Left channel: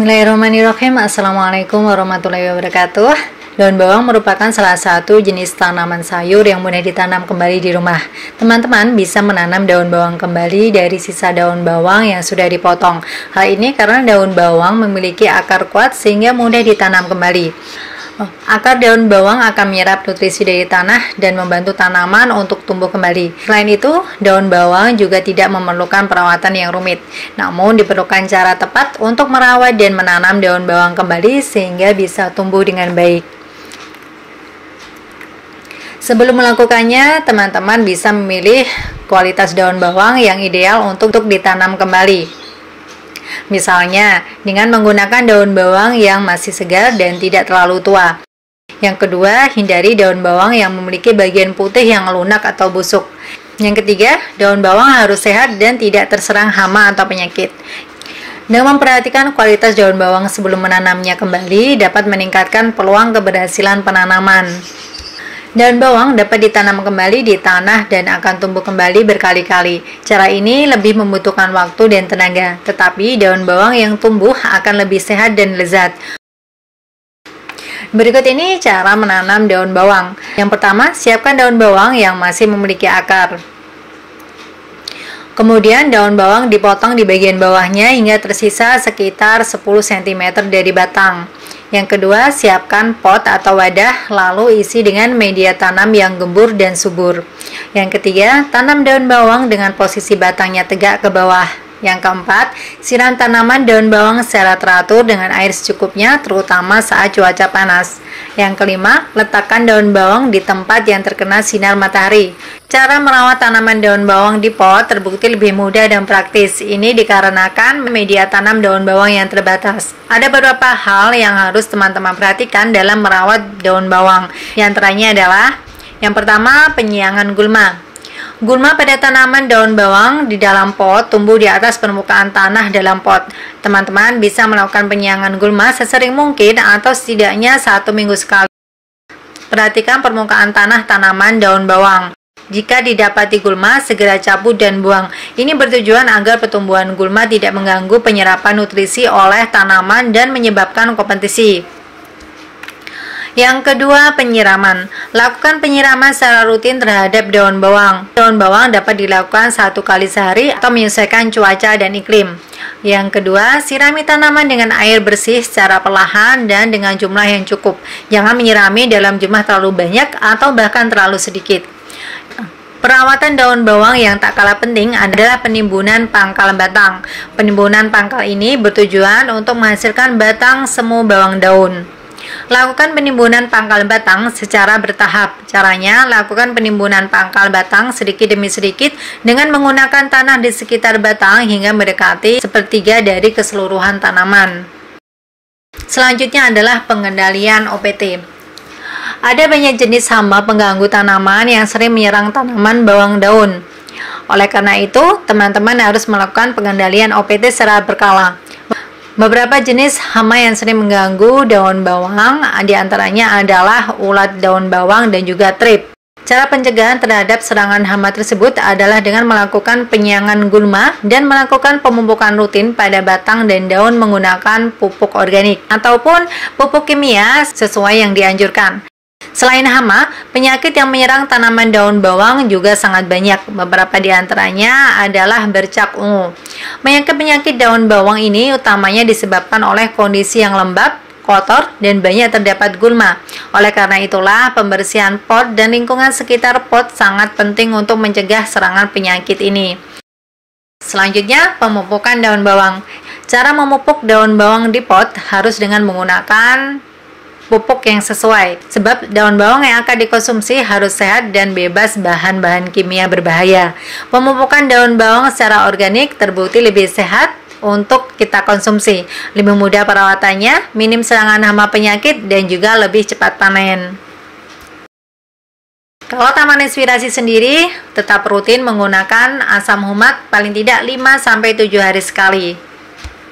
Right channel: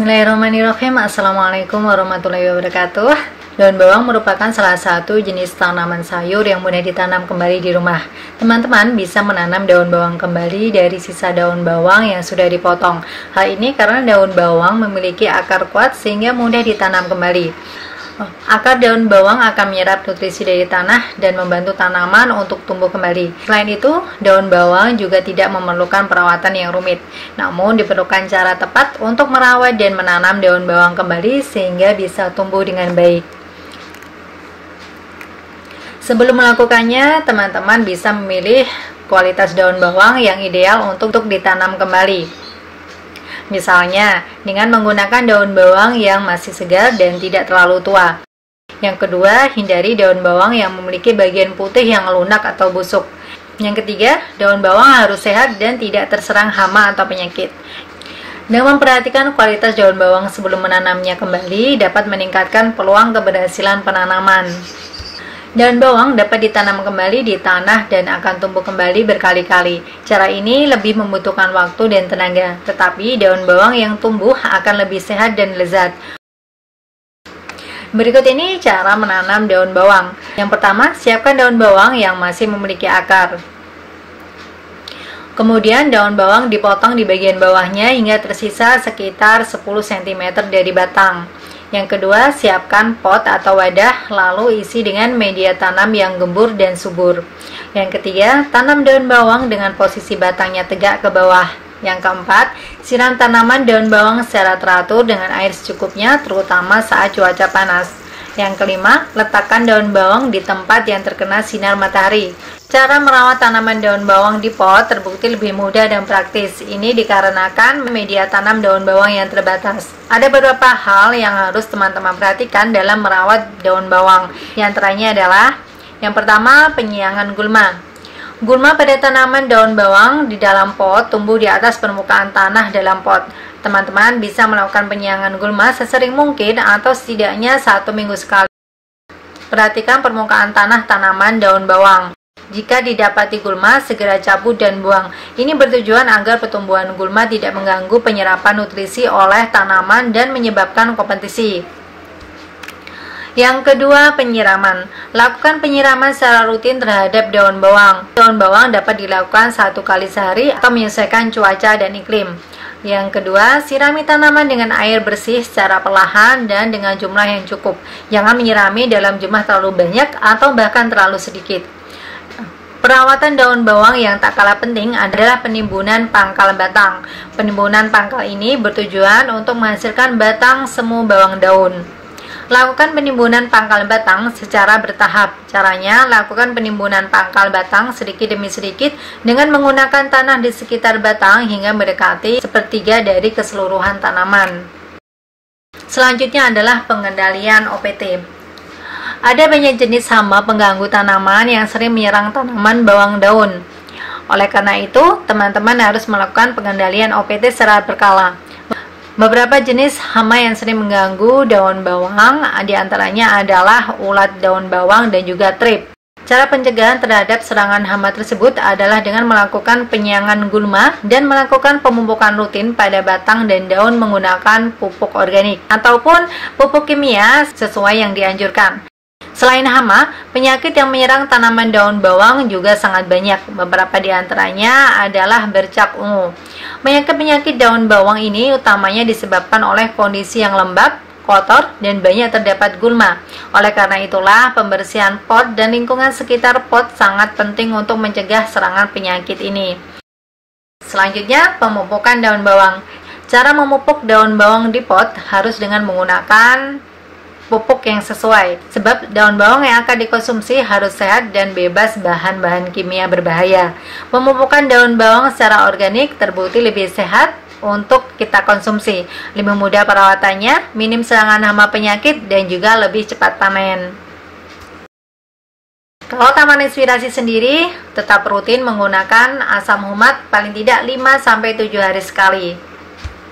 Bismillahirrahmanirrahim. Assalamualaikum warahmatullahi wabarakatuh. Daun bawang merupakan salah satu jenis tanaman sayur yang mudah ditanam kembali di rumah. Teman-teman bisa menanam daun bawang kembali dari sisa daun bawang yang sudah dipotong. Hal ini karena daun bawang memiliki akar kuat sehingga mudah ditanam kembali. Akar daun bawang akan menyerap nutrisi dari tanah dan membantu tanaman untuk tumbuh kembali. Selain itu, daun bawang juga tidak memerlukan perawatan yang rumit. Namun diperlukan cara tepat untuk merawat dan menanam daun bawang kembali sehingga bisa tumbuh dengan baik. Sebelum melakukannya, teman-teman bisa memilih kualitas daun bawang yang ideal untuk ditanam kembali. Misalnya, dengan menggunakan daun bawang yang masih segar dan tidak terlalu tua. Yang kedua, hindari daun bawang yang memiliki bagian putih yang lunak atau busuk. Yang ketiga, daun bawang harus sehat dan tidak terserang hama atau penyakit. Dengan memperhatikan kualitas daun bawang sebelum menanamnya kembali, dapat meningkatkan peluang keberhasilan penanaman. Daun bawang dapat ditanam kembali di tanah dan akan tumbuh kembali berkali-kali. Cara ini lebih membutuhkan waktu dan tenaga, tetapi daun bawang yang tumbuh akan lebih sehat dan lezat. Berikut ini cara menanam daun bawang. Yang pertama, siapkan daun bawang yang masih memiliki akar. Kemudian daun bawang dipotong di bagian bawahnya hingga tersisa sekitar 10 cm dari batang. Yang kedua, siapkan pot atau wadah, lalu isi dengan media tanam yang gembur dan subur. Yang ketiga, tanam daun bawang dengan posisi batangnya tegak ke bawah. Yang keempat, siram tanaman daun bawang secara teratur dengan air secukupnya, terutama saat cuaca panas. Yang kelima, letakkan daun bawang di tempat yang terkena sinar matahari. Cara merawat tanaman daun bawang di pot terbukti lebih mudah dan praktis. Ini dikarenakan media tanam daun bawang yang terbatas. Ada beberapa hal yang harus teman-teman perhatikan dalam merawat daun bawang. Di antaranya adalah, yang pertama, penyiangan gulma. Gulma pada tanaman daun bawang di dalam pot tumbuh di atas permukaan tanah dalam pot. Teman-teman bisa melakukan penyiangan gulma sesering mungkin atau setidaknya 1 minggu sekali. Perhatikan permukaan tanah tanaman daun bawang. Jika didapati gulma, segera cabut dan buang. Ini bertujuan agar pertumbuhan gulma tidak mengganggu penyerapan nutrisi oleh tanaman dan menyebabkan kompetisi. Yang kedua, penyiraman. Lakukan penyiraman secara rutin terhadap daun bawang. Daun bawang dapat dilakukan 1 kali sehari atau menyesuaikan cuaca dan iklim. Yang kedua, sirami tanaman dengan air bersih secara perlahan dan dengan jumlah yang cukup. Jangan menyirami dalam jumlah terlalu banyak atau bahkan terlalu sedikit. Perawatan daun bawang yang tak kalah penting adalah penimbunan pangkal batang. Penimbunan pangkal ini bertujuan untuk menghasilkan batang semu bawang daun. Lakukan penimbunan pangkal batang secara bertahap. Caranya, lakukan penimbunan pangkal batang sedikit demi sedikit dengan menggunakan tanah di sekitar batang hingga mendekati sepertiga dari keseluruhan tanaman. Selanjutnya adalah pengendalian OPT. Ada banyak jenis hama pengganggu tanaman yang sering menyerang tanaman bawang daun. Oleh karena itu, teman-teman harus melakukan pengendalian OPT secara berkala. Beberapa jenis hama yang sering mengganggu daun bawang diantaranya adalah ulat daun bawang dan juga trip. Cara pencegahan terhadap serangan hama tersebut adalah dengan melakukan penyiangan gulma dan melakukan pemupukan rutin pada batang dan daun menggunakan pupuk organik ataupun pupuk kimia sesuai yang dianjurkan. Selain hama, penyakit yang menyerang tanaman daun bawang juga sangat banyak. Beberapa di antaranya adalah bercak ungu. Penyakit-penyakit daun bawang ini utamanya disebabkan oleh kondisi yang lembab, kotor, dan banyak terdapat gulma. Oleh karena itulah, pembersihan pot dan lingkungan sekitar pot sangat penting untuk mencegah serangan penyakit ini. Selanjutnya, pemupukan daun bawang. Cara memupuk daun bawang di pot harus dengan menggunakan pupuk yang sesuai, sebab daun bawang yang akan dikonsumsi harus sehat dan bebas bahan-bahan kimia berbahaya. Pemupukan daun bawang secara organik terbukti lebih sehat untuk kita konsumsi, lebih mudah perawatannya, minim serangan hama penyakit, dan juga lebih cepat panen. Kalau Taman Inspirasi sendiri, tetap rutin menggunakan asam humat paling tidak 5-7 hari sekali.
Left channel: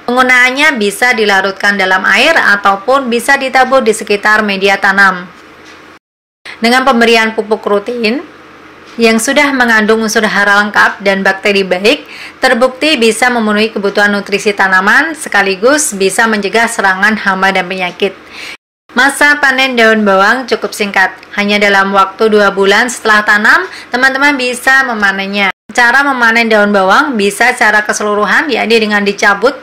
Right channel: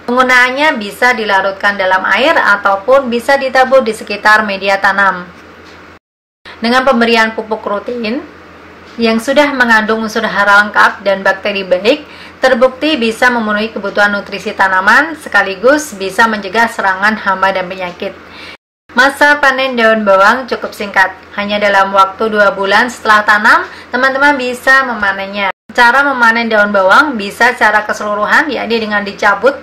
Penggunaannya bisa dilarutkan dalam air ataupun bisa ditabur di sekitar media tanam. Dengan pemberian pupuk rutin, yang sudah mengandung unsur hara lengkap dan bakteri baik, terbukti bisa memenuhi kebutuhan nutrisi tanaman sekaligus bisa mencegah serangan hama dan penyakit. Masa panen daun bawang cukup singkat, hanya dalam waktu 2 bulan setelah tanam, teman-teman bisa memanennya. Cara memanen daun bawang bisa secara keseluruhan, yakni dengan dicabut,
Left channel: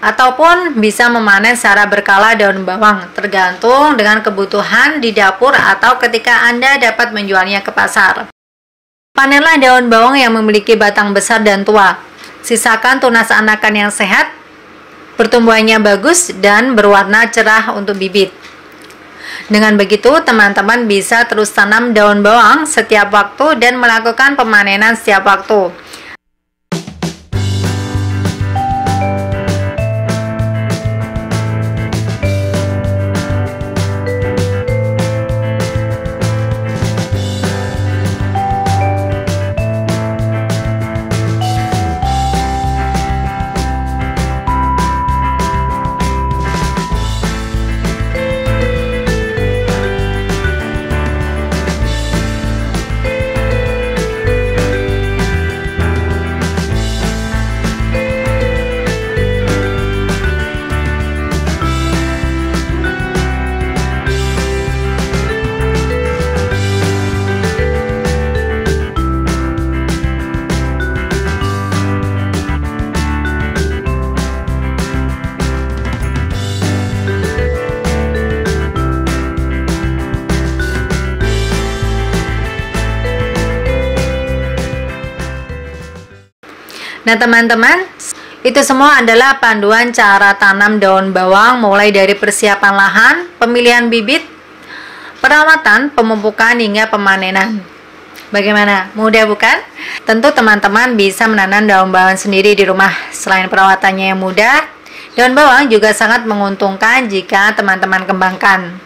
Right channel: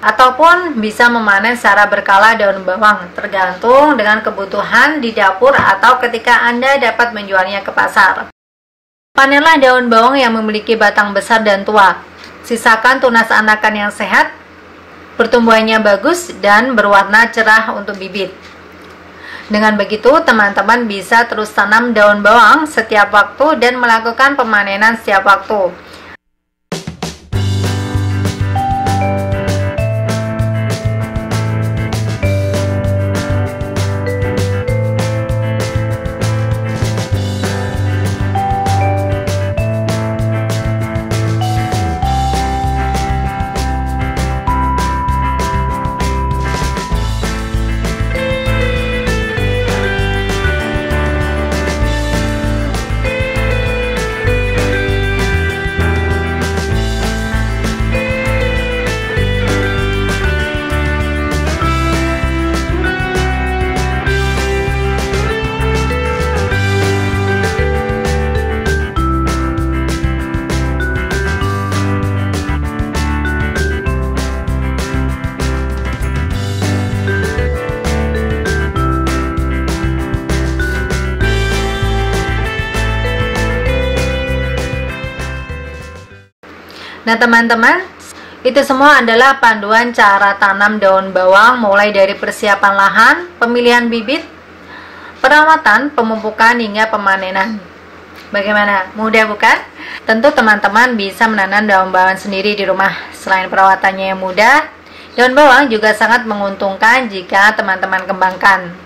ataupun bisa memanen secara berkala daun bawang, tergantung dengan kebutuhan di dapur atau ketika Anda dapat menjualnya ke pasar. Panenlah daun bawang yang memiliki batang besar dan tua. Sisakan tunas anakan yang sehat, pertumbuhannya bagus, dan berwarna cerah untuk bibit. Dengan begitu, teman-teman bisa terus tanam daun bawang setiap waktu dan melakukan pemanenan setiap waktu. Nah teman-teman, itu semua adalah panduan cara tanam daun bawang mulai dari persiapan lahan, pemilihan bibit, perawatan, pemupukan hingga pemanenan. Bagaimana? Mudah bukan? Tentu teman-teman bisa menanam daun bawang sendiri di rumah. Selain perawatannya yang mudah, daun bawang juga sangat menguntungkan jika teman-teman kembangkan.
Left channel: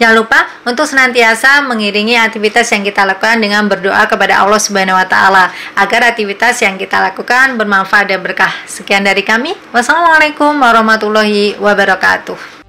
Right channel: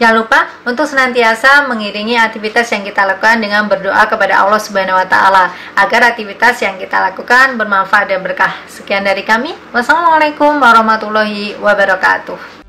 Jangan lupa untuk senantiasa mengiringi aktivitas yang kita lakukan dengan berdoa kepada Allah Subhanahu wa Ta'ala agar aktivitas yang kita lakukan bermanfaat dan berkah. Sekian dari kami. Wassalamualaikum warahmatullahi wabarakatuh.